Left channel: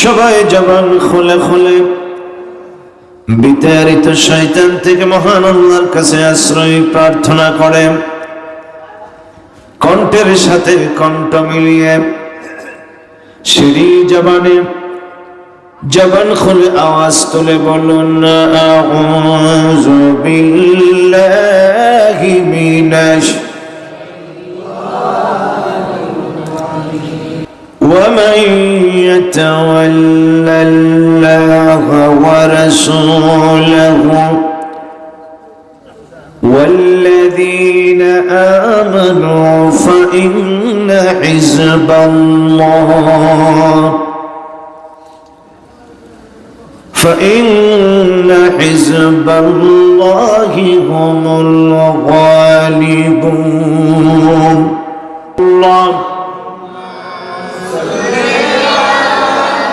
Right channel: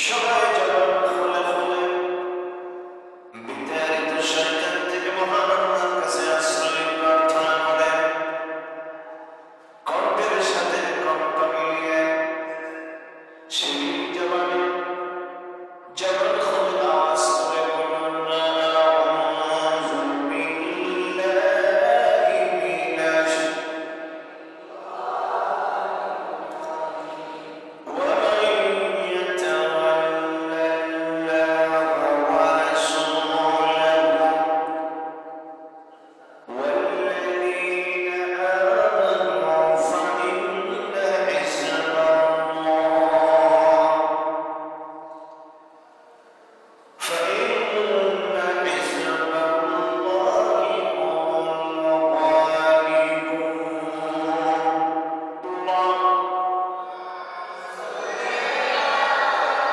সবাই জবান খুলে খুলে। বিতাড়িত শয়তান থেকে মহান আল্লাহর কাছে আশ্রয় প্রার্থনা করে। কণ্ঠের সাথে কণ্ঠ মিলিয়ে সিঁড়ি জবানে জবান খুলে আওয়াজ তুলে বলুন আউযু বিল্লাহি। ومن يتول الله ورسوله والذين آمنوا فإن حزب الله فإن حزب الله هم الغالبون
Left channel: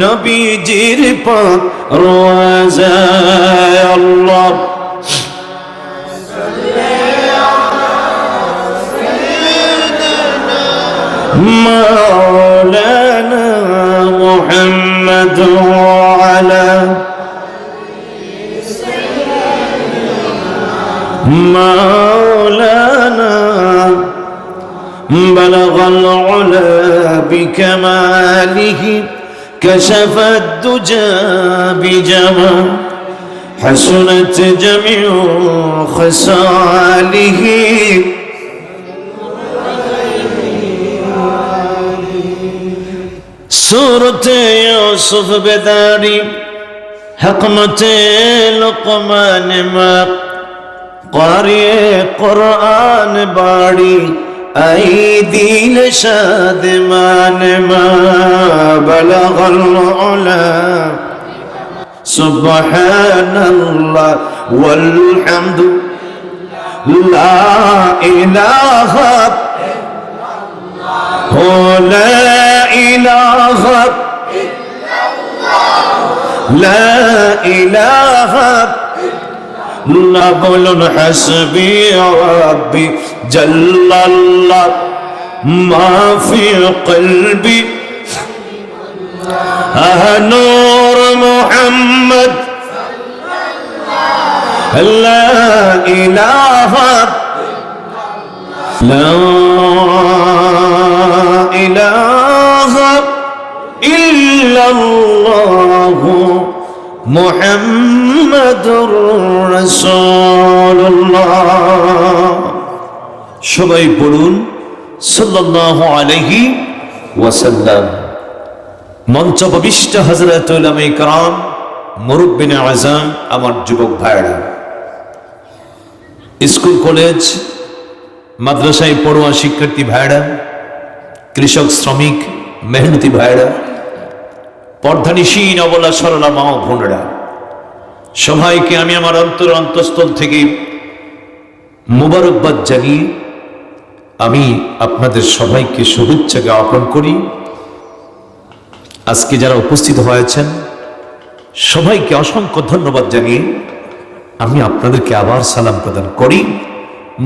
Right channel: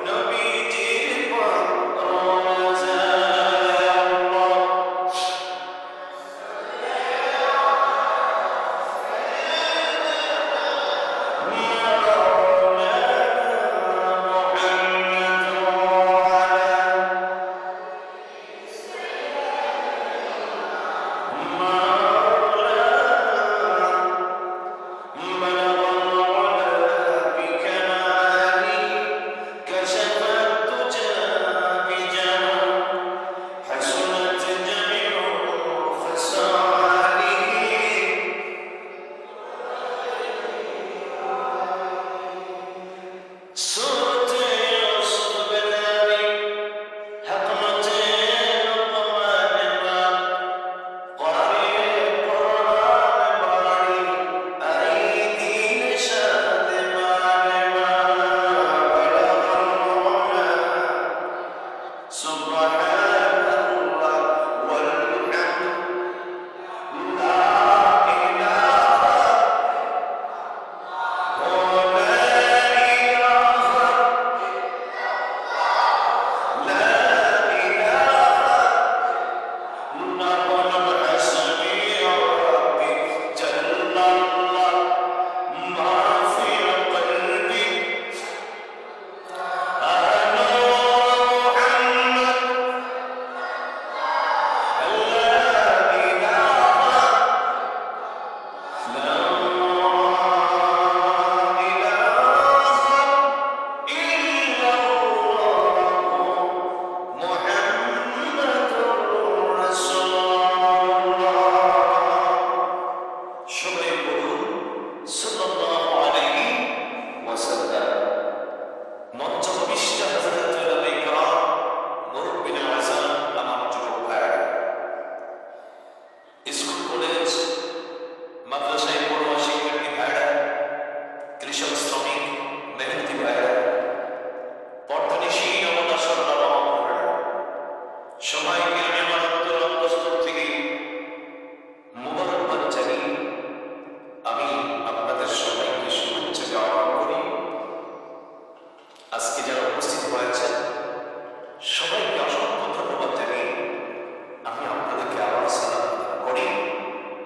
নবীজির পাক রোয়াজায় আল্লাহ مولانا محمد وعلى مولانا بلغ العلا بكماله كشف الدجى بجمال حسنت جميع خصاله. سورة يوسف بداري حكمة لقمان ما قارئ قرآن باري. أيدي لشاد مان ما بلغ العلا سبحان الله والحمد لا إله هو لا إله لا نقول حسبي يا ربي جل الله ما في قلبي. أه نور محمد. لا إله. إلا الله لا إله إلا الله محمد. رسول الله সবাই বলুন সাল্লাল্লাহু আলাইহি ওয়াসাল্লাম মঞ্চ উপবিষ্ট হজরত উলামে کرام মুরব্বিন আজম আমার যুবক ভাইরা স্কুল কলেজ মাদ্রাসায় পড়ুয়া শিক্ষার্থী ভাইরা কৃষক শ্রমিক মেহনতি ভাইরা পর্ধানিসীন অবলা সরলা মা ও বোনেরা সবাইকে আমি আমার অন্তর অন্তঃস্থল থেকে মোবারকবাদ জানিয়ে আমি আপনাদের সবাইকে শুভেচ্ছা জ্ঞাপন করি। আজকে যারা উপস্থিত হয়েছেন, সবাইকে অসংখ্য ধন্যবাদ জানিয়ে আমি আপনাদেরকে আবার সালাম প্রদান করি।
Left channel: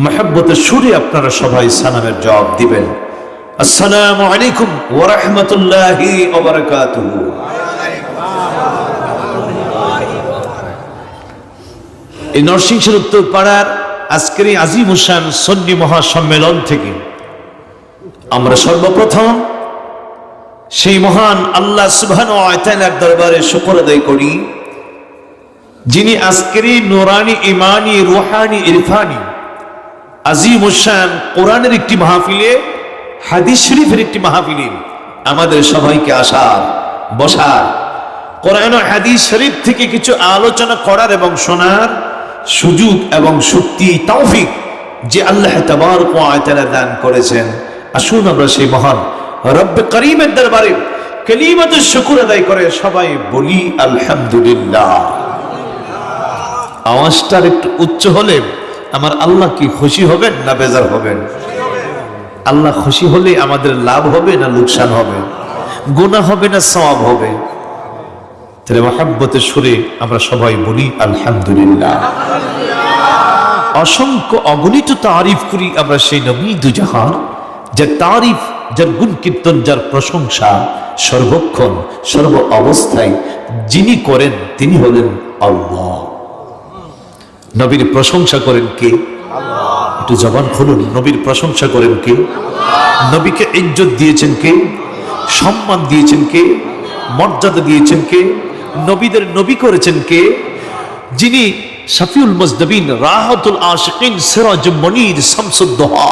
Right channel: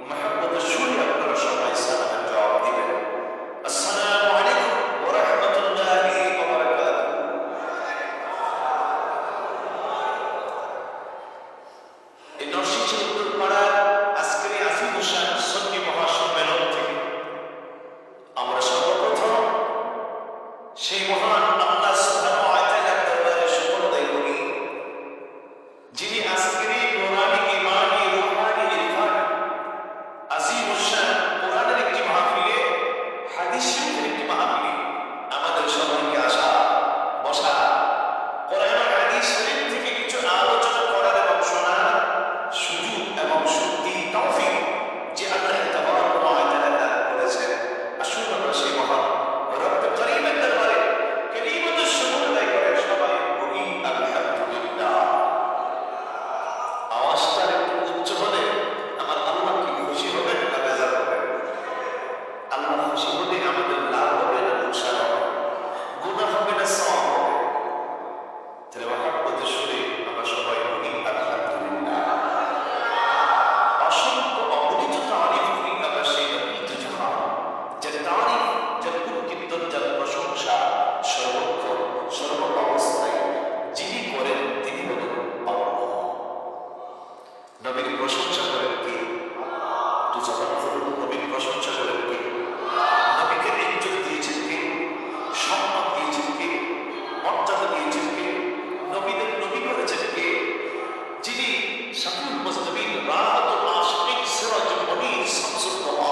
মহাব্বতের সুরে আপনারা সবাই সালামের জবাব দিবেন। আসসালামু আলাইকুম ওয়া এই নরসিংহের উত্তর পাড়ার আজকের এই আজিম হুসান সন্নি মহাসম্মেলন থেকে আমরা সর্বপ্রথম সেই মহান আল্লাহ সুবহান এক দরবারে শুকর আদায় করি, যিনি আজকের এই নোরানি, ইমানি, রুহানি, ইরফানি, আজিম হুসান কোরআনের একটি মাহফিলে, হাদিস শরীফের একটি মাহফিলে আমাদের সবাইকে আসার, বসার, কোরআন হাদিস শরীফ থেকে কিছু আলোচনা করার এবং শোনার সুযোগ এবং শক্তি, তৌফিক যে আল্লাহ ওয়া তাআলা দান করেছেন। আসুন আমরা সেই মহান রব্বে করিমের দরবারে কেলিমাতের শুকুর আদায় করে সবাই বলি, আলহামদুলিল্লাহ। আওয়াজটার একটু উচ্চ হলে আমার আল্লাহ কি খুশি হবেন না বেজার হবেন? আল্লাহ খুশি হলে আমাদের লাভ হবে না লোকসান হবে? গুনাহ হবে না সওয়াব হবে? তাহলে মহাব্বতের সুরে আমরা সবাই বলি আলহামদুলিল্লাহ। অসংখ্য অগণিত তারিফ করি আমরা সেই নবী দুজাহার যার তারিফ যার গুণ কীর্তন যার প্রশংসা সর্বক্ষণ সর্ব অবস্থায় যিনি করেন তিনি হলেন আল্লাহ। নবীর প্রশংসা করেন কে? একটু জবান খুলুন নবীর প্রশংসা করেন কে? নবীকে ইজ্জত দিয়েছেন কে? সম্মান দিয়েছেন কে? মর্যাদা দিয়েছেন কে? নবীদের নবী করেছেন কে? যিনি শফিউল মজদবিন, রাহতুল আশকিন, সিরাজ মনির, শামসুদ্দোহা,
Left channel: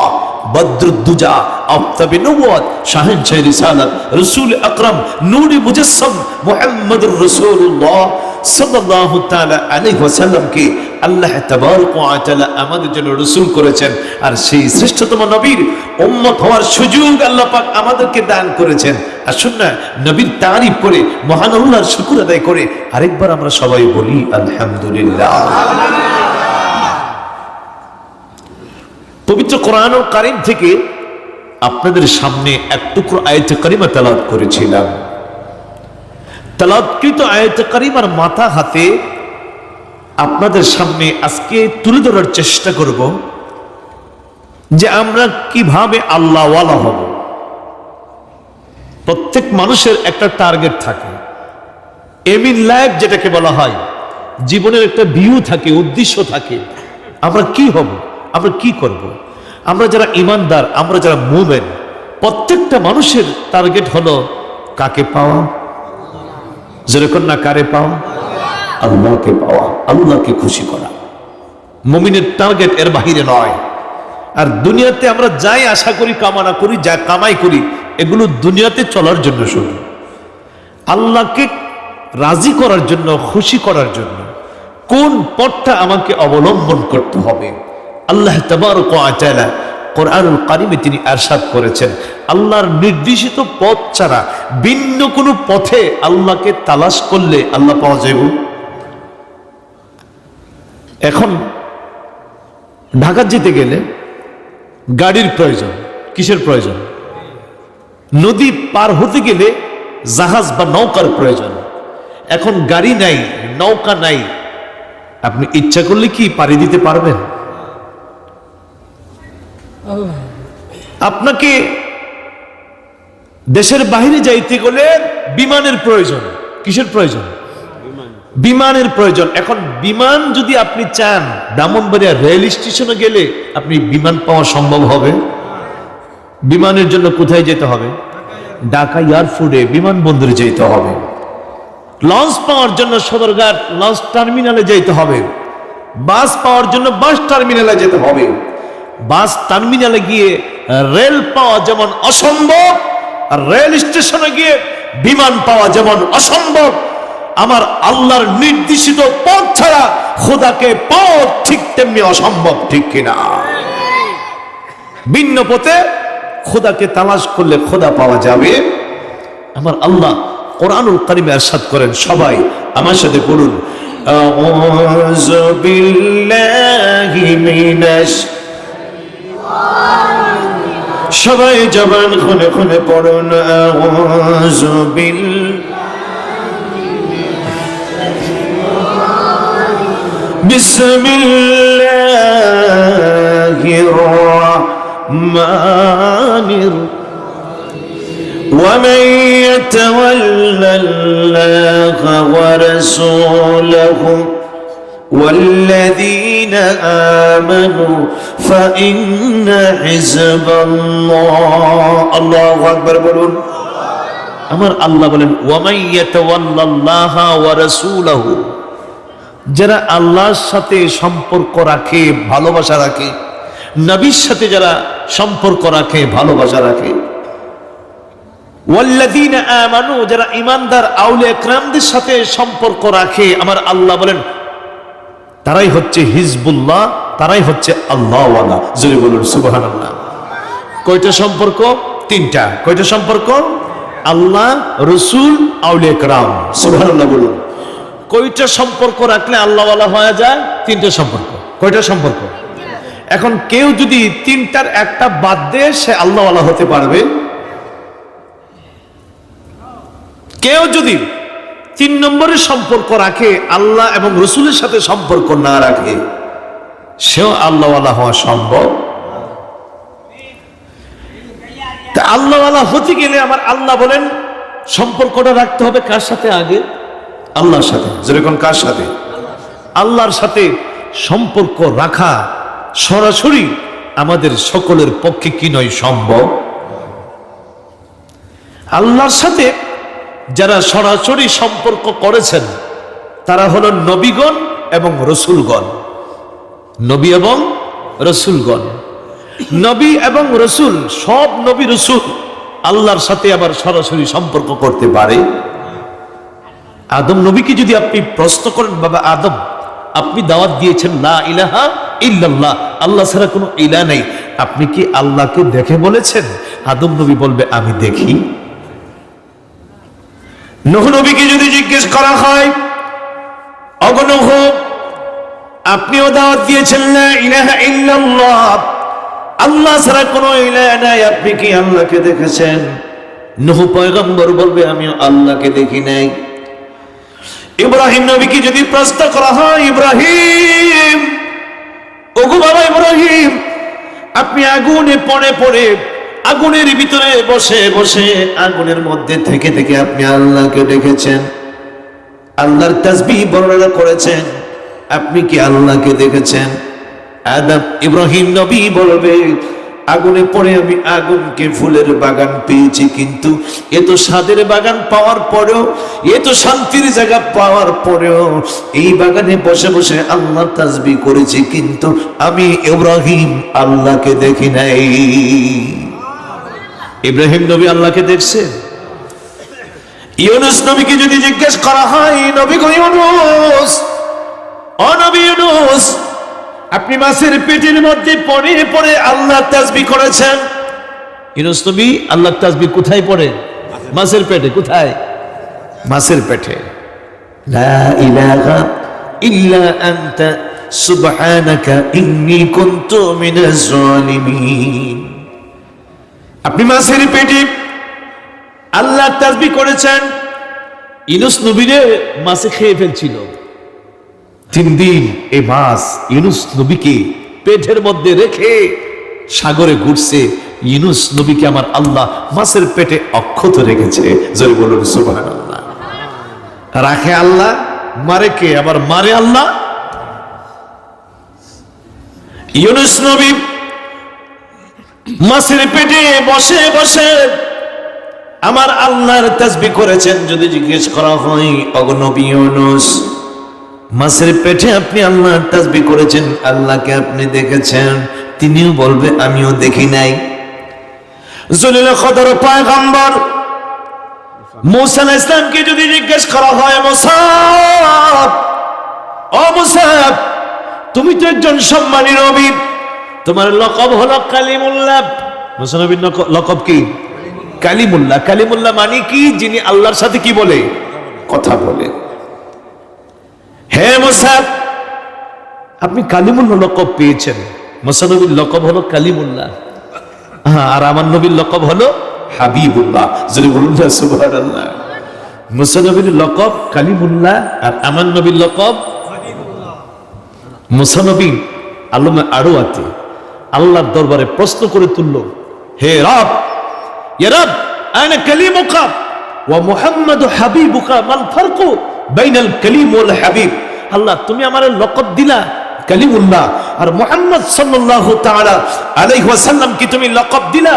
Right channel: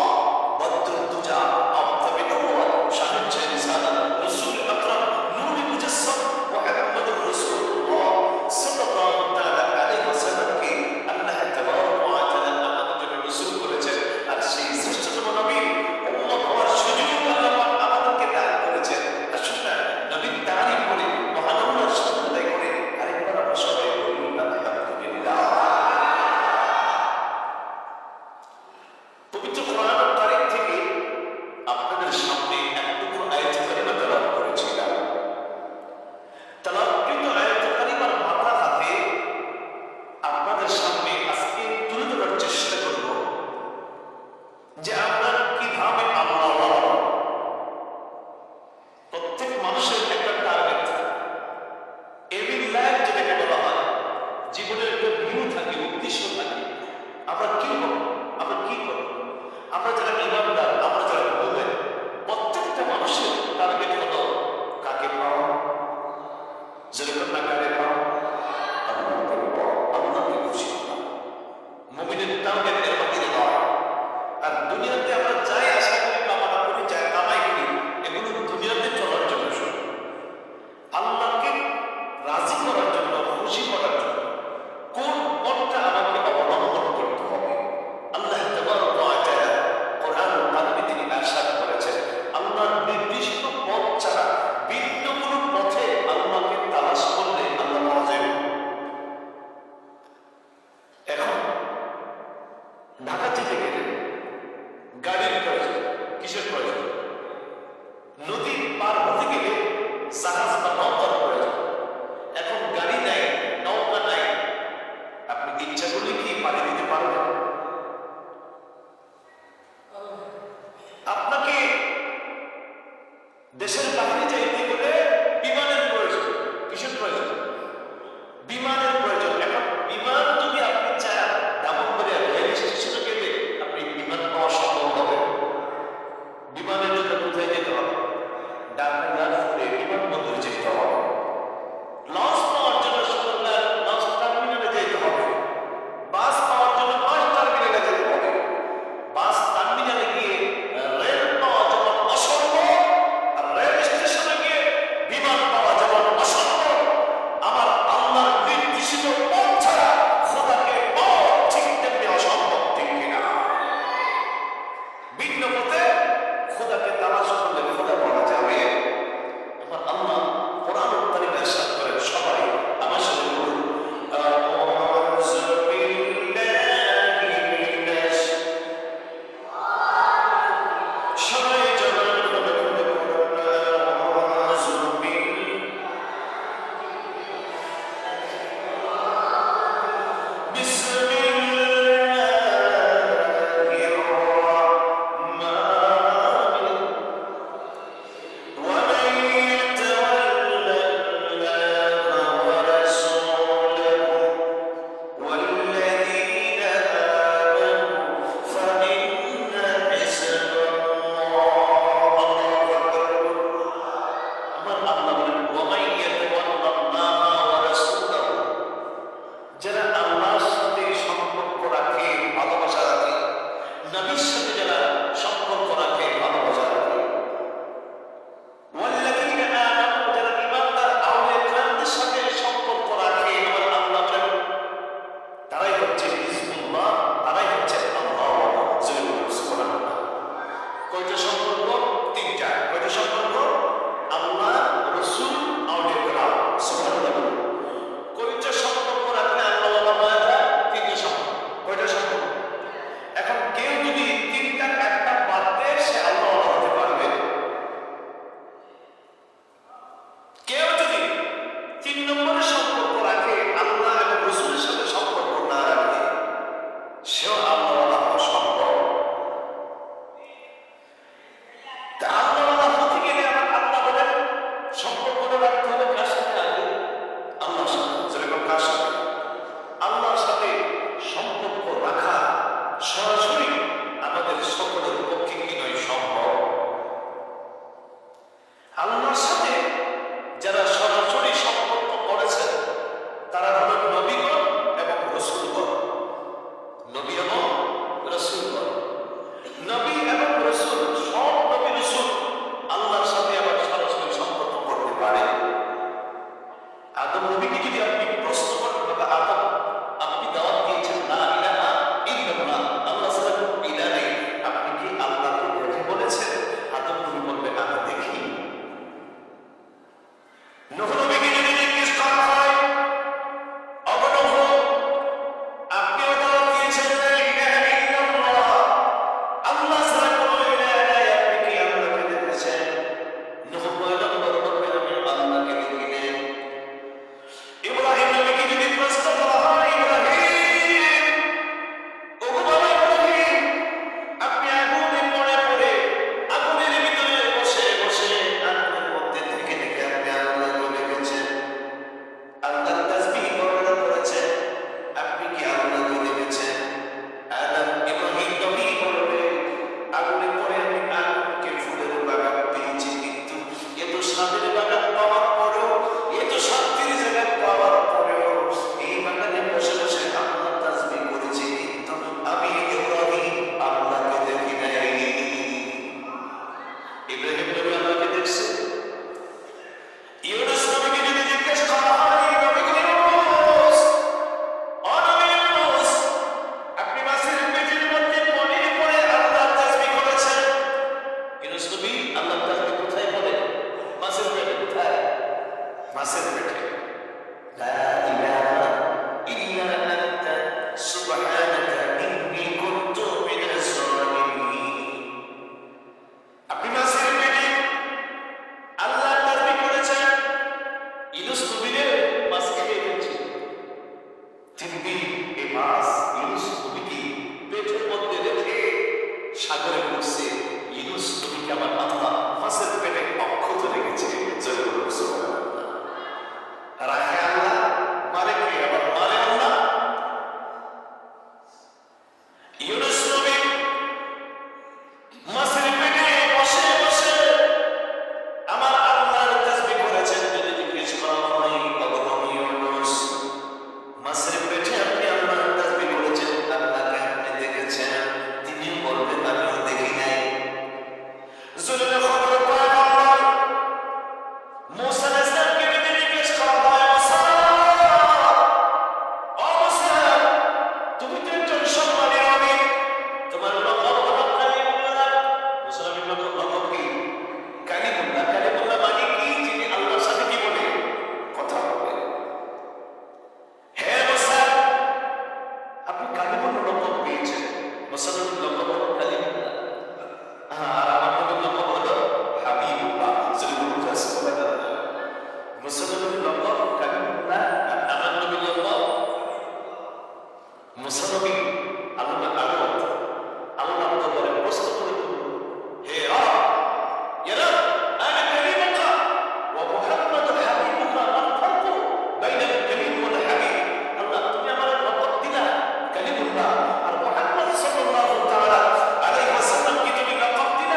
বদরুদ্দুজা, আফতাবে নবুয়াত শাহিন শাহ রিসালাত, রসুল আকরাম, নূরে মুজাসসাম, মুহাম্মদুর রাসূলুল্লাহ। সাল্লাল্লাহু তাআলা আলাইহি ওয়াসাল্লামকে আল্লাহ তাবারক ওয়া তাআলা আমাদের জন্য রাসূল করেছেন। আর সেই শ্রেষ্ঠতম নবীর উম্মত হওয়ার সুযোগ আল্লাহ পাক আমাদেরকে দান করেছেন। নবীর তারিফ করে, মহান আল্লাহর শুকর আদায় করে আরেকবার আমরা সবাই বলি, আলহামদুলিল্লাহ। পবিত্র কোরআন ও কারিম থেকে আপনাদের সামনে এক টুকরো আয়তে কারিমা তালাত করেছিলাম। তালাদকৃত আয়তে কারিমার মাথা হাতে আপনাদের সামনে আজকে তুলে ধরার চেষ্টা করব যে আমরা কীভাবে আল্লাহওয়ালা হব। প্রত্যেক মানুষের একটা টার্গেট থাকে। এম ইন লাইফ যেটাকে বলা হয়, জীবনের একটা ভিউ থাকে, উদ্দেশ্য থাকে। আমরা কি হব? আমরা কি করব। আমরা যারা ইমানদার, আমরা যারা মুভেন প্রত্যেকটা মানুষের টার্গেট হলো কাকে পাওয়া? যেরকম না কারে পাওয়া আল্লাহকে পাওয়া আল্লাহকে খুশি করা। মুমিনের টার্গেট এর বাহিরে নয়। আর দুনিয়াতে আমরা যাই আশা করি কামনা করি যা কামাই করি এগুলো দুনিয়াতে চলার জন্য শুধু। আল্লাহকে রাজি করার জন্য খুশি করার জন্য কোন পথটা আমাকে অবলম্বন করতে হবে? আল্লাহ তাবারক ওয়া তাআলা কোরআনুল কারিমে তিনি আরশাদ করেছেন। আল্লাহর নির্দেশিত পথ ছাড়া ভিন্ন কোনো পথে আল্লাহকে তালাশ করলে আল্লাহ পাওয়া যাবে এখন ঢাকা যেতে গেলে গাড়ির প্রয়োজন, কিসের প্রয়োজন? নদী পার হতে গেলে জাহাজ বা নৌকার প্রয়োজন। এখন গাড়ি নাই, নৌকা নাই, আপনি ইচ্ছা করলে কি পাড়ি দিতে পারবেন? আপনাকে দেশের বাহিরে যাইতে গেলে বিমানের প্রয়োজন। কিসের প্রয়োজন? বিমানের প্রয়োজন। এখন বিমান যদি আপনি চান, ব্রাহ্মণবাড়িয়া রেল স্টেশনে গেলে আপনি বিমান পাওয়া সম্ভব হবে। বিমানের জন্য কোথায় যেতে হবে? ঢাকা এয়ারপোর্টে বিমানবন্দরে যেতে হবে। লঞ্চ পাওয়ার জন্য সদরঘাট, লঞ্চ টার্মিনালে যেতে হবে। বাস পাওয়ার জন্য বাস টার্মিনালে যেতে হবে। বাস টার্মিনালে গিয়ে, রেল পাওয়া যেমন অসম্ভব, আর রেল স্টেশনে গিয়ে বিমান পাওয়া যেমন অসম্ভব, আমার আল্লাহর নির্দেশিত পথ ছাড়া খোদাকে পথ ঠিক তেমনি অসম্ভব, ঠিক কিনা? ভিন্ন পথে খোদাকে তালাশ করলে খোদা পাওয়া যাবে। আমার আল্লাহ কোরআনুল কারিমে আরশাদ করেন, সবাই আমার সাথে পড়ুন। আউযু বিল্লাহি মিনাশ সবাই জবান খুলে খুলে পড়ুন আউযু বিল بسم الله الرحمن الرحيم ومن يتولى الله ورسوله والذين آمنوا فإن حزب الله الله أكبر বলুন আমার আল্লাহ বলেন ওয়ামাই ইয়াতাওয়াল্লাল্লাহ ওয়া রাসূলাহু যারা আল্লাহর সাথে সম্পর্ক রাখে ভালোবাসা রাখে নবীর সাথে যারা সম্পর্ক রাখে ভালোবাসা রাখে ওয়াল্লাযীনা আমানু যারা ঈমানদার আউলিয়া একরামদের সাথে সম্পর্ক রাখে আমার আল্লাহ বলেন তারাই হচ্ছে হিজবুল্লাহ, তারাই হচ্ছে আল্লাহওয়ালা। জোরে বলুন, সুবহানাল্লাহ। কয়টা সম্পর্ক? তিনটা। কয়টা সম্পর্ক? আল্লাহ, রসুল, আউলিয়া সুবহানাল্লাহ বলুন। কয়টা সম্পর্ক রাখলে আল্লাহওয়ালা হয়ে যায়? তিনটা সম্পর্ক। কয়টা সম্পর্ক? এখন কেউ যদি তিনটার একটা বাদ দেয় সে আল্লাহওয়ালা হতে পারবে, কেউ যদি তিন নম্বরের সম্পর্ক রাখে, আল্লাহ এবং রসুলের সাথে সম্পর্ক না রাখে। সেও আল্লাহওয়ালা হওয়া সম্ভব। তা আল্লাহওয়ালা হতে গেলে আমার আল্লাহ বলেন, সম্পর্কটা রাখতে হবে কার সাথে আগে? আল্লাহর সাথে। যেরকম কার সাথে? আল্লাহর সাথে সম্পর্ক রাখা সরাসরি আমাদের সকলের পক্ষে কি নয়, সম্ভব। আল্লাহর সাথে যারা সরাসরি সম্পর্ক করেছেন, তারা হলো নবীগণ এবং রসুলগণ। নবী এবং রসুলগণ। নবী এবং রসুল, সব নবী রসুল আল্লাহর সাথে আবার সরাসরি সম্পর্ক করতে পারে। আদম নবীকে যদি আপনি প্রশ্ন করেন, বাবা আদম, আপনি দাওয়াত দিয়েছেন না ইলাহা ইল্লাল্লাহ, আল্লাহ ছাড়া কোনো ইলা নেই। আপনি কি আল্লাহকে দেখে বলেছেন? আদম নবী বলবে, আমি দেখি। নহ নবীকে যদি জিজ্ঞেস করা হয় অগনহ আপনিও দাওয়াত দিয়েছেন না ইলাহা ইল্লাল্লাহ, আল্লাহ ছাড়া কোনো ইলাহ নাই, আপনি কি আল্লাহকে দেখেছেন? নহু পয়গম্বর বলবে আমি আল্লাহকে দেখি নাই। ইব্রাহিম নবীকে যদি প্রশ্ন করা হয়, ইব্রাহিম, ওগো বাবা ইব্রাহিম, আপনি আগুনে পড়ে পড়ে আগুনের ভিতরে বসে বসে আগুনের মধ্যে থেকে থেকে আপনি আল্লাহকে দেখেছেন। আল্লাহর তাসবিহ বর্ণনা করেছেন। আপনি কি আল্লাহকে দেখেছেন? আদম, ইব্রাহিম নবী বলবে, আগুনে পড়ে আমি আগুনকে ফুলের বাগান পেয়েছি কিন্তু এত স্বাদের বাগান পাওয়ার পরেও এত শান্তির জায়গা পাওয়ার পরেও এই বাগানে বসে বসে আল্লাহ তাজবি করেছি কিন্তু আমি ইব্রাহিম আল্লাহকে দেখি নাই। ইব্রাহিম নবী আল্লাহকে দেখছে। ইউনুস নবীকে যদি জিজ্ঞেস করা হয়, নবী গো ইউনুস, ও নবী ইউনুস, আপনি মাছের পেটের মধ্যে পড়ে পরে আল্লাহ তাসবি করেছেন? ইউনুস নবী আল্লাহ তাসবি কোথায় পড়ে? মাছের পেটে, কোথায়? মাছের পেটে। লা ইলাহা ইল্লা আনতা, সুবহানাকা ইন্নী কুনতু মিনাজ জালিমিন আপনি মাছের পেটে আল্লাহ তাসবি করেছেন, ইনুস নবীরে মাছে খেয়ে ফেলছিল। তিন দিন এই মাছ ইউনুস নবীকে পেটের মধ্যে রেখে সাগরে ঘুরছে। ইউনুস নবীকে আমার আল্লাহ মাছের পেটে অক্ষত রেখেছে। জয় বলুন, সুবহানাল্লাহ। রাখে আল্লাহ, মারে কে? আবার মারে আল্লাহ? ইউনুস নবী মাছের পেটে বসে বসে আমার আল্লাহর তাসবি করেছেন, যদি জিজ্ঞেস করা হয় অগনবী ইউনুস মাছের পেটে আপনি আল্লাহর তাসবি করেছেন? আল্লাহকে আপনি দেখেছেন? তিনিও বলবে, আমিও দেখি নাই। জলিল খদর পয়গম্বর, মুসা ইসলামকে যদি জিজ্ঞেস করা হয় মুসাব ও তুমি তো একজন সম্মানী নবী। তোমার লকব হলো কালিমুল্লাহ। মুসা লকব কি? কালিমুল্লাহ। কালিমুল্লাহ মানে কি? যিনি আল্লাহর সাথে কি বলে? কথা বলে। হে মোসাদ আপনি কালিমুল্লাহ লকব পেয়েছেন। মোসানবীর লকব হলো কালিমুল্লাহ। হ্যাঁ আর আমার নবীর লকব হলো হাবিবুল্লাহ। যদি বলুন না, সুবহানাল্লাহ। মুসানবীর লকব কালিমুল্লাহ আর আমার নবীর লকব মুসানবী আলমে আরও আতে আল্লাহর দরবারে প্রশ্ন করে তুলল, হে রব ইয়া রব আনা কালিমুকা ওয়া মুহাম্মাদু হাবিবুকা, মাল ফারকু বাইনাল কালিম ওয়াল হাবিব। আল্লাহ, তুমি আমার লকব দিলা, কালিমুল্লাহ। আর মুহাম্মদ সাল্লাল্লাহু তাআলা আলাইহি ওয়াসাল্লাম কি তুমি লকব দিলা?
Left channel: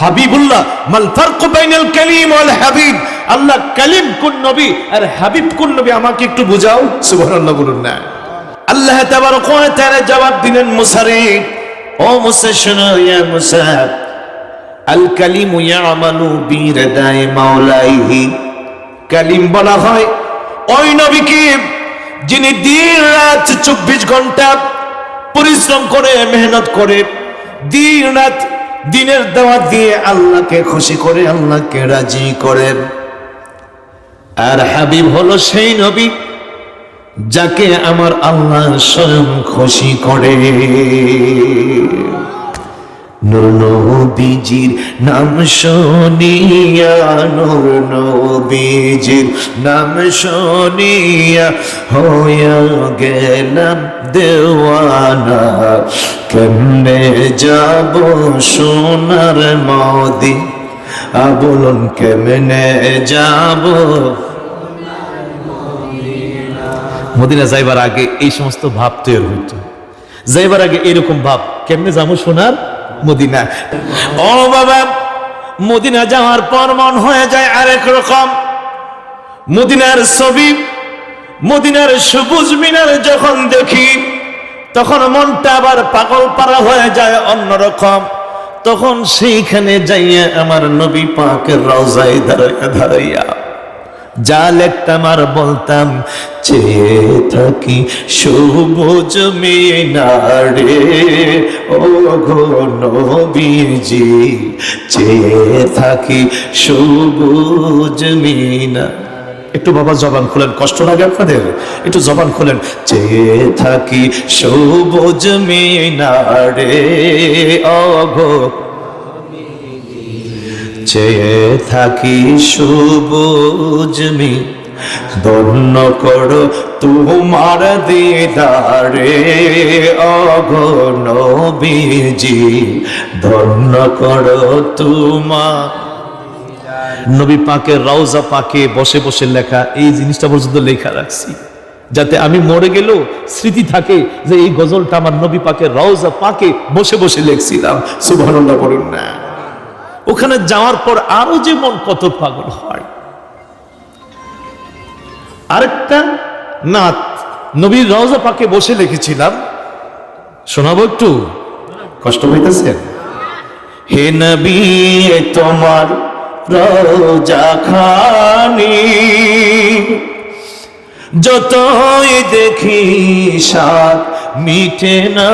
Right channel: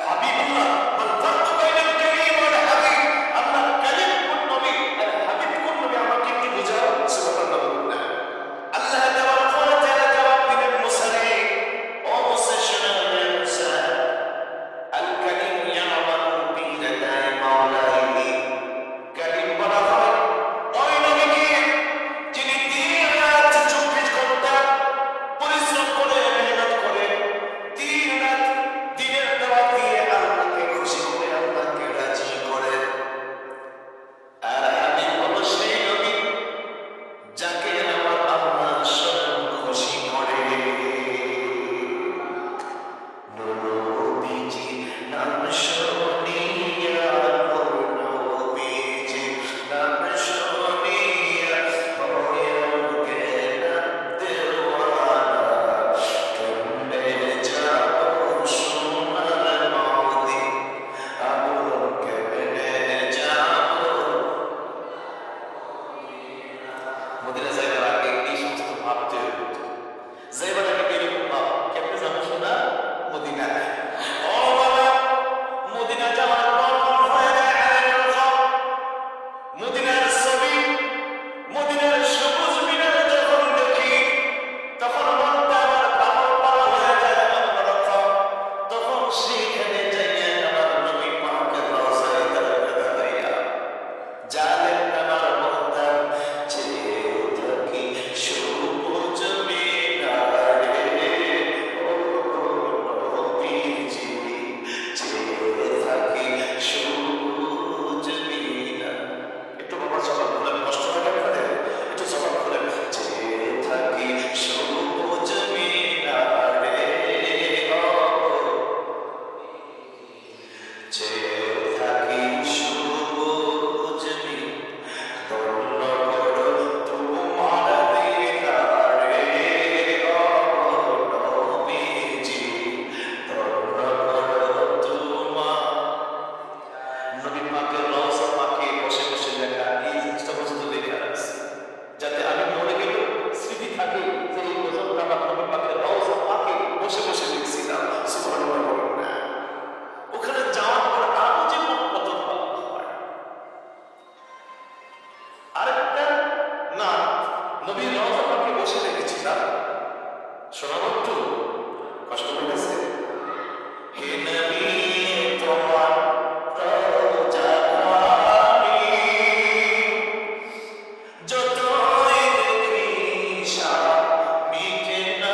হাবিবুল্লাহ, মাল ফারকু বাইনাল কালিম ওয়াল হাবিব। আল্লাহ, কালিম কোন নবী আর হাবিব কোন নবী আমাকে একটু বুঝাও। সুবহানাল্লাহ বলুন না। আল্লাহ তাবারক ওয়া তাআলা জবাব দিলেন মুসারে ও মুসা, শোনো ইয়া মুসা। আল কালিমু ইয়ামালু বিরাদায়ে মাওলাইহি। কালিম বলা হয়, ওই নবীকে যিনি দিন রাত চব্বিশ ঘণ্টা পরিশ্রম করে, মেহনত করে দিন রাত দিনের দাওয়াত দিয়ে আল্লাহকে খুশি করে, আল্লাহকে রাজি করেন। আর হাবিব হলো সেই নবী যাকে আমার আল্লাহ স্বয়ং খুশি করে। নবীজির নাম শুনিয়া, নূর নাম শুনিয়া হইয়া গেলাম দেওয়ানা। কেমনে যাব সোনার মদি আ কেমনে যাব মদিনা যাইবার আগে এই সমস্ত ভাব তৈরি হইত। যাইবার আগে এরকম ভাব, কেমনে যাব সোনার? মদিনা। ও বাবা, মদিনা যাওয়ার পর মন হয়ে যায় আরেক রকম। মদিনার ছবি, মদিনার সবুজ মিনার যখন দেখি, তখন মনটা আবার পাগল পারা হয়ে যায় অন্যরকম তখন সেইখানে যাইয়া আমার নবী পাকের রওজায় দাঁড়াইয়া দাঁড়াইয়া যা লেখতাম আর বলতাম, চেয়ে থাকি সবুজ মিনারে। ও গো নবীজি, চেয়ে থাকি সবুজ মিনা একটু বাবা জবান খুলেন, কষ্ট লাগে আপনাদের? একটু জবান খুলেন, চেয়ে থাকি সবুজ মিনারে। অঘো চেয়ে থাকি সবুজমি ধন্য করো তোমার দিদারে অগনবীজি ধন্য করো তোমার নবী পাকের রওজা পাকে বসে বসে লেখা এই জিনিসটা পর্যন্ত লেখা রাখছি। যাতে আমি মরে গেলেও স্মৃতি থাকে যে এই গজলটা আমার নবী পাকের রওজা পাকে বসে বসে লেখছিলাম। সুবহানাল্লাহ বলুন না। ওখানে যাওয়ার পর আরও যে মন কত পাগল হয়। আরেকটা নাত, নবীর রওজা পাকে বসে লিখেছিলাম শোনাবো একটু? কষ্ট হইতেছে? হে নবী তোমার রওজা খানি। যতই দেখি সাত মিটে না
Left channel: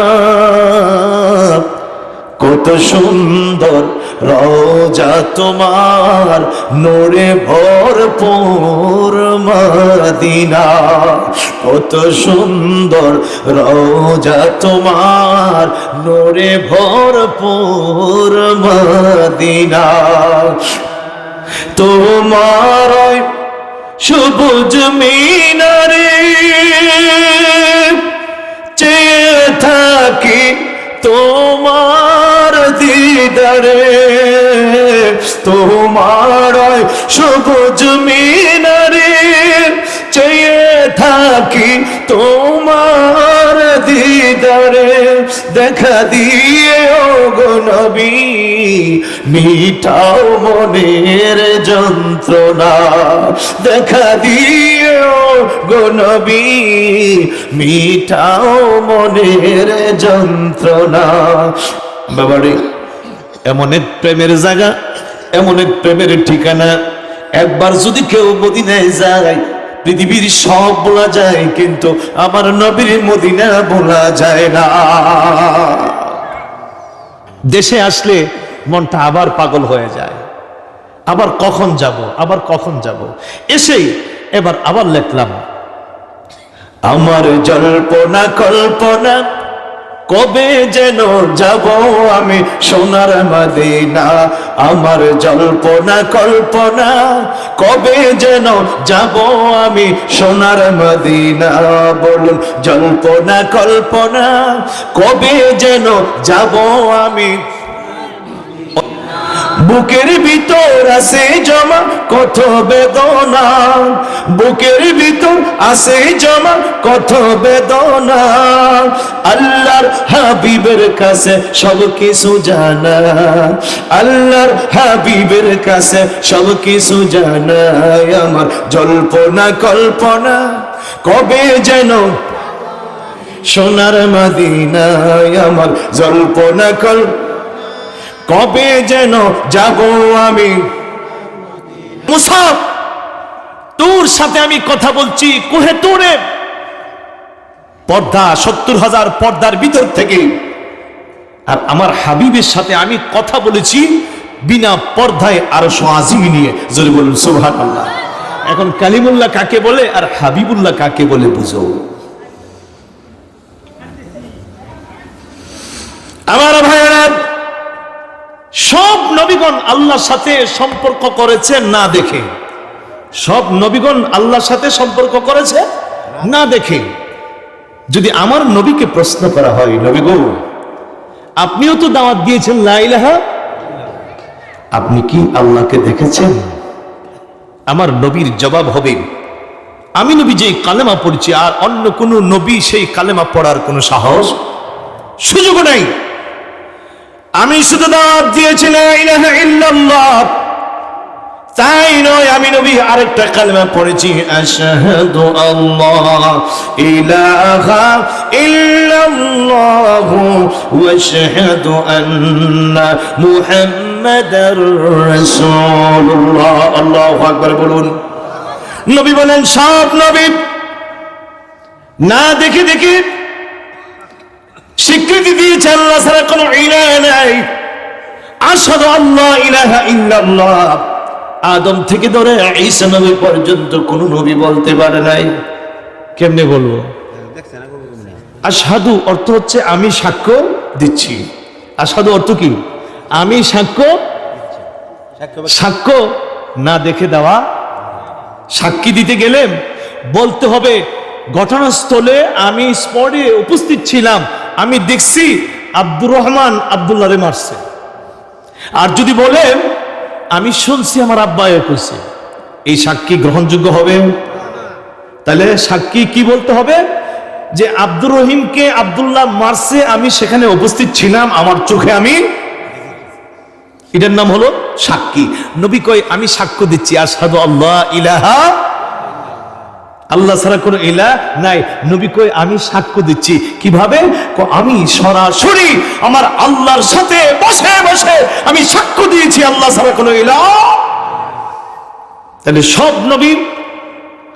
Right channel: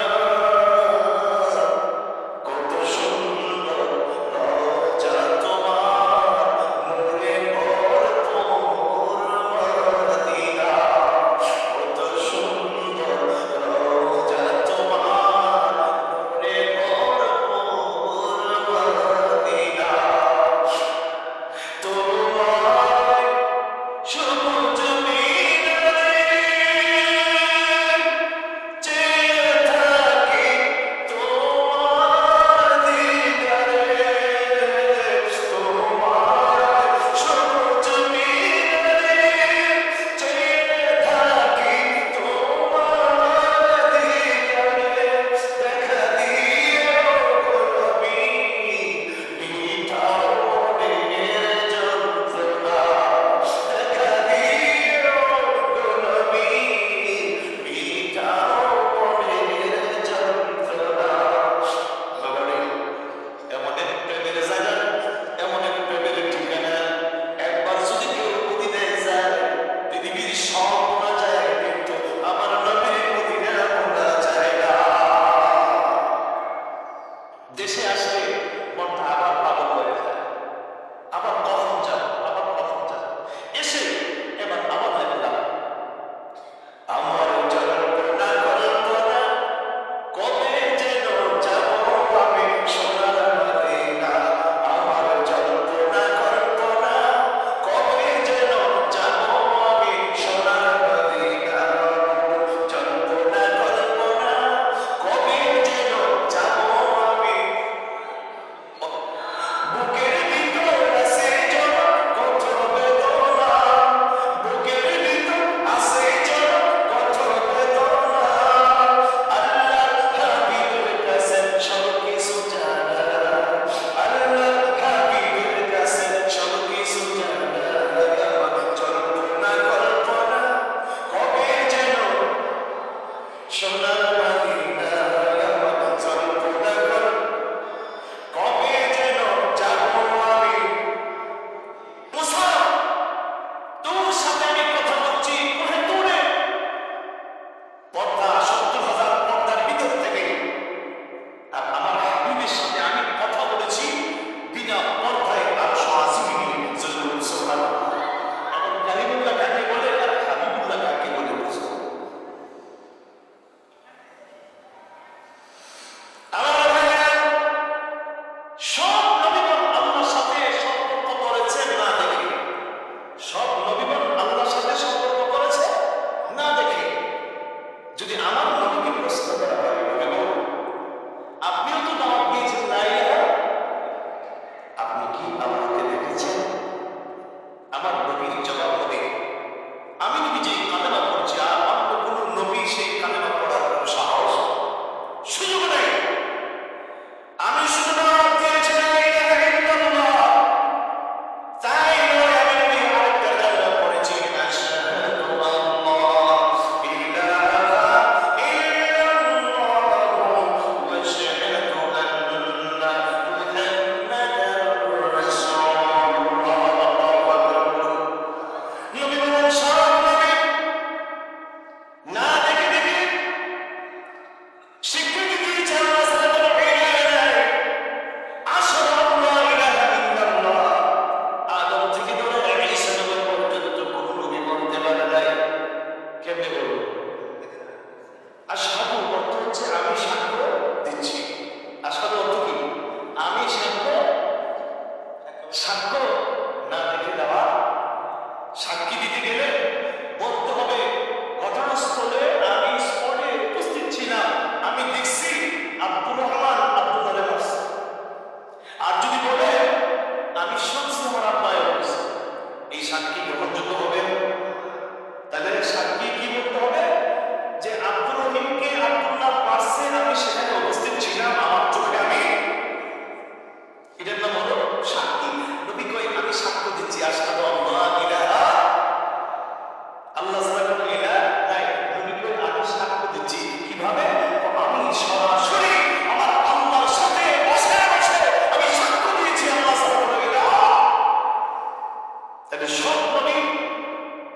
কত সুন্দর রওজা তোমার, নোরে ভরপুর মদিনা। কত সুন্দর রওজা তোমার, নোরে ভরপুর মদিনা। তোমার সবুজ মিনারে দিদারে তোমার সবুজ মিনারে চেয়ে থাকি তোমার দিদারে। দেখা দিয়ে ও নবী, মিটাও মনের যন্ত্রণা। দেখা দিয়ে ও গো নবী, মিটাও মনের যন্ত্রণা। বাবারে এমন এক প্রেমের জায়গা, এমন এক প্রেমের ঠিকানা। একবার যদি কেউ মদিনায় যায়, পৃথিবীর সব বলা যায়, কিন্তু আমার নবীর মদিনা বলা যায় না। দেশে আসলে মনটা আবার পাগল হয়ে যায়। আবার কখন যাব, আবার কখন যাব? এসেই এবার আবার লিখলাম, আমার জল্পনা কল্পনা কবে যেন যাব আমি সোনার মাদিনা? আমার জল্পনা, কল্পনা, কবে যেন যাব আমি সোনার মাদিনা? বলুন, জল্পনা, কল্পনা, কবে যেন যাব আমি বুকের ভিতর আছে জমা কত বেদনা? বুকের ভিতর আছে জমা কত বেদনা? আল্লাহর হাবিবের কাছে সব কিছু জানা। আল্লাহর হাবিবের কাছে সব কিছু জানা। আমার জল্পনা, কল্পনা, কবে যেন সোনার মদিনায় আমার জল্পনা, কল্পনা কবে যেন যাব আমি? মুসাফ তোর সাথে আমি কথা বলছি কোহে তোরে? পর্দা, সত্তর হাজার পর্দার ভিতর থেকে। আর আমার হাবিবের সাথে আমি কথা বলেছি বিনা পর্দায় আরও সোয়াজিমি নিয়ে। যদি বলুন সুবহান আল্লাহ এখন কালিমুল্লাহ কাকে বলে আর হাবিবুল্লাহ কাকে বলে বুঝো। আমার ভাইয়েরা সব নবীগণ আল্লাহর সাথে সম্পর্ক করেছে না দেখে? সব নবীগণ আল্লাহর সাথে সম্পর্ক করেছে না দেখে? যদি আমার নবীকে প্রশ্ন করা হয় নবী গো আপনিও তো দাওয়াত দিয়েছেন লাইলাহা আপনি কি আল্লাহকে দেখেছেন? আমার নবীর জবাব হবে, আমি নবী যে কালেমা পড়ছি আর অন্য কোনো নবী সেই কালেমা পড়ার কোনো সাহস সুযোগ নাই। আমি শুধু দাওয়াত দিয়েছি তাই নয়, আমি নবী আরেকটা কালেমা পড়েছি, আশহাদু আল্লাহ, ইলাহা ইল্লাল্লাহ ওয়া আশহাদু আন্না মুহাম্মাদার রাসূলুল্লাহ। আল্লাহু আকবার বলুন। নবী বলেন, সব নবী। না দেখে দেখে স্বীকৃতি দিয়েছে আল্লাহ ছাড়া কোনো ইলাহ নাই। আশহাদু আল্লাহ ইলাহা ইল্লাল্লাহ। আদম থেকে ধরে ঈসা নবী পর্যন্ত কোন নবী বলতে পারে নাই। কেমনে বলব? আসাদু অর্থ হচ্ছে আমি সাক্ষ্য দিচ্ছি। আসাদু অর্থ কি? আমি সাক্ষ্য সাক্ষ্য না দেখে দেওয়া। সাক্ষী দিতে গেলেন বলতে হবে, ঘটনাস্থলে আমি স্পটে উপস্থিত ছিলাম। আমি দেখছি আব্দুর রহমান আবদুল্লাহরে মারছে। আর যদি বলেন, আমি শুনছি আমার আব্বায়ও কইছে এই সাক্ষী গ্রহণযোগ্য হবে? তাহলে সাক্ষী কি বলতে হবে? যে আব্দুর রহিমকে আবদুল্লাহ মারছে, আমি সেখানে উপস্থিত ছিলাম, আমার চোখে আমি। এটার নাম হলো সাক্ষী। নবী কয়, আমি সাক্ষ্য দিচ্ছি আসাদু আল্লাহ ইলাহা আল্লাহ ছাড়া কোনো ইলা নাই। নবী কই আমি সাক্ষ্য দিচ্ছি। কীভাবে? আমি সরাসরি আমার আল্লাহর সাথে বসে বসে আমি সাক্ষ্য দিয়েছি, আল্লাহ ছাড়া কোনো ইলা তাহলে সব নবী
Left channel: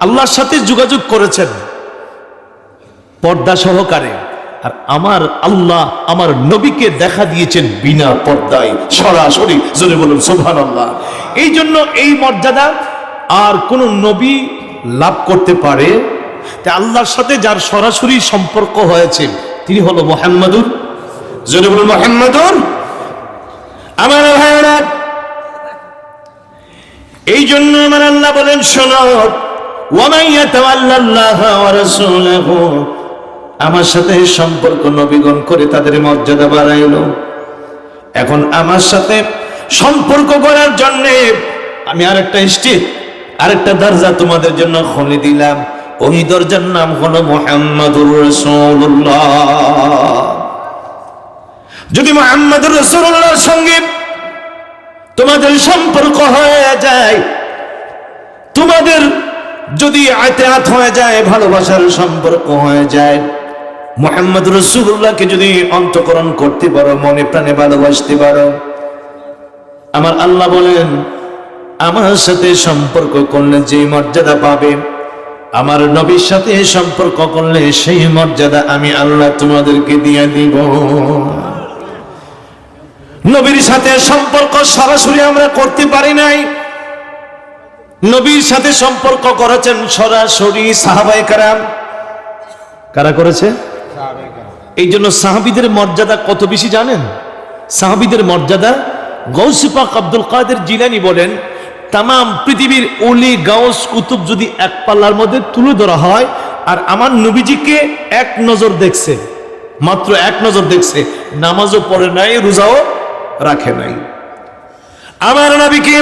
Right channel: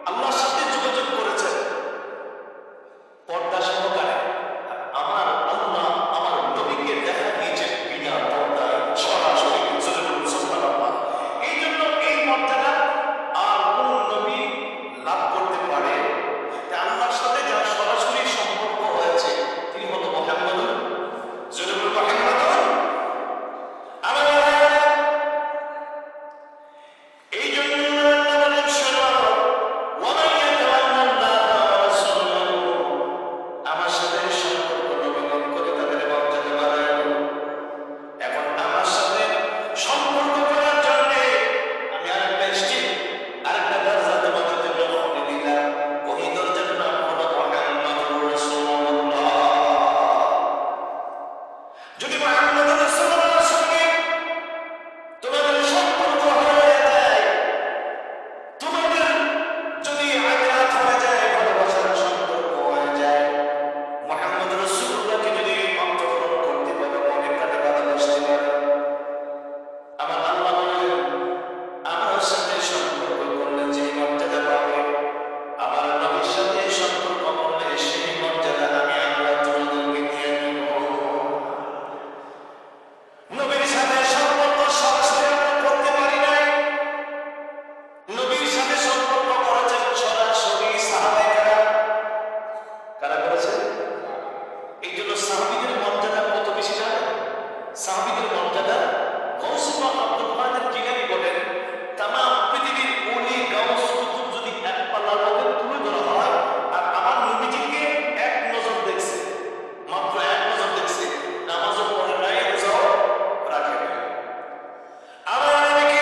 আল্লাহর সাথে যোগাযোগ করেছেন। পর্দা সহকারে। আর আমার আল্লাহ আমার নবীকে দেখা দিয়েছেন বিনা পর্দায়, সরাসরি। বলুন সোভান আল্লাহ এই জন্য এই মর্যাদা আর কোন নবী লাভ করতে পারে। তা আল্লাহর সাথে যার সরাসরি সম্পর্ক হয়েছে, তিনি হলো মোহাম্মদুর। বলুন, মোহাম্মদুর। আমার ভাইরা এই জন্য আমার আল্লাহ বলেন, শোনো, ওয়ামান ইয়াতাওয়াল্লাল্লাহা ওয়া রাসূলাহু। আমার সাথে সম্পর্ক নবীগণ করে তাদের মর্যাদা বাড়াইলো। এখন আমার সাথে সম্পর্ক করার জন্য আমি আরেকটা স্টেজ আরেকটা দরজা তোমাদের জন্য খুলে দিলাম। ওই দরজার নাম হলো মোহাম্মদুর রাসূলুল্লাহ। যদি মোহাম্মদুর রাসূলুল্লাহর সঙ্গে তোমাদের সম্পর্ক হয়ে যায়, তোমাদের যদি আতেহাত হয়ে যায়, ভালোবাসার সম্পর্ক হয়ে যায় মোহাম্মদ রসুল্লাহকে যদি অন্তকরণ করতে পারো, মনে প্রাণে ভালোবাসতে পারো। আমার আল্লাহ বলেন আমার সাথে সম্পর্ক করলে যে মর্যাদা পাবে, আমার নবীর সাথে সম্পর্ক করলে সেই মর্যাদা আমি আল্লাহ তোমাদেরকে দিয়ে দিব। নবীর সাথে সম্পর্ক সরাসরি আমরা করতে পারি নাই। নবীর সাথে সম্পর্ক করেছেন সরাসরি সাহাবাই কারাম। কারা করেছে? এই জন্য সাহাবিদের মর্যাদা কত বেশি জানেন? সাহাবিদের মর্যাদা গৌসিপাক আব্দুল কাদের জিলানি বলেন তাম পৃথিবীর অলি, গাউস, কুতুব যদি এক পাল্লার মধ্যে তুলে ধরা হয়, আর আমার নবীজিকে এক নজর দেখছে, মাত্র এক নজর দেখছে, নামাজও পড়ে নাই, রোজাও রাখে নাই। আমার নবীকে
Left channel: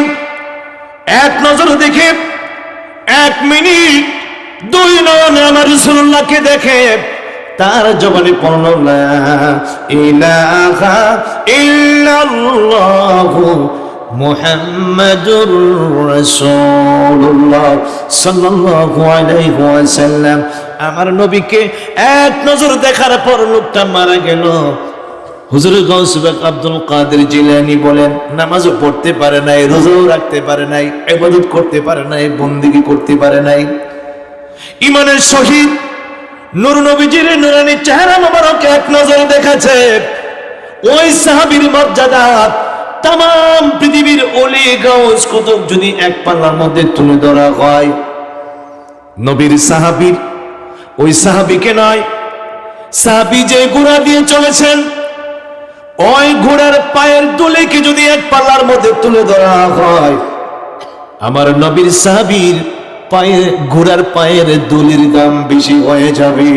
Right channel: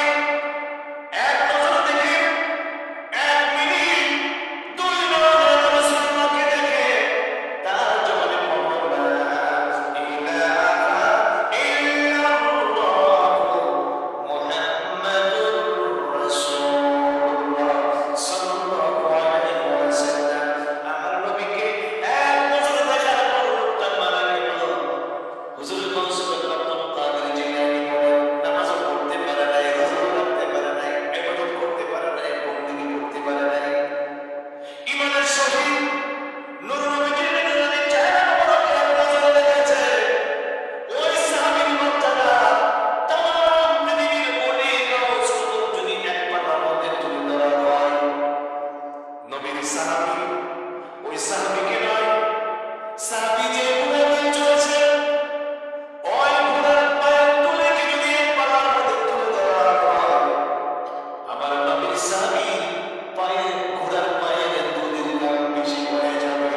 এক নজর দেখে, এক মিনিট দুই নয়নে আমার রসুল্লাহকে দেখে, তার জবানে পড়ল ইলাহা মুহাম্মাদুর রাসূলুল্লাহ সাল্লাল্লাহু আলাইহি ওয়াসাল্লাম। আমার নবীকে এক নজর দেখার পর লোকটা মারা গেল। হুজুর গৌসবাক আব্দুল কাদের জিলানি বলেন, নামাজও পড়তে পারে নাই, রোজাও রাখতে পারে নাই, ইবাদত করতে পারে নাই, বন্দিগি করতে পারে নাই। ইমানের শহীদ নূর নবীজির নুরানি চেহারা মোবারক এক নজর দেখাছে ওই সাহাবীর মর্যাদা তাম পৃথিবীর অলি গাউস কুতুব যদি এক পাল্লার মধ্যে তুলে ধরা হয়। নবীর সাহাবীর ওই সাহাবিকে নয়, সাহাবি যে ঘোড়া দিয়ে চলেছেন, ওই ঘোড়ার পায়ের দুলিকে যদি এক পাল্লার মধ্যে তুলে ধরা হয়, আমার নবীর সাহাবীর পায়ে, ঘোড়ার পায়ের দুলির দাম বেশি হয়ে যাবে।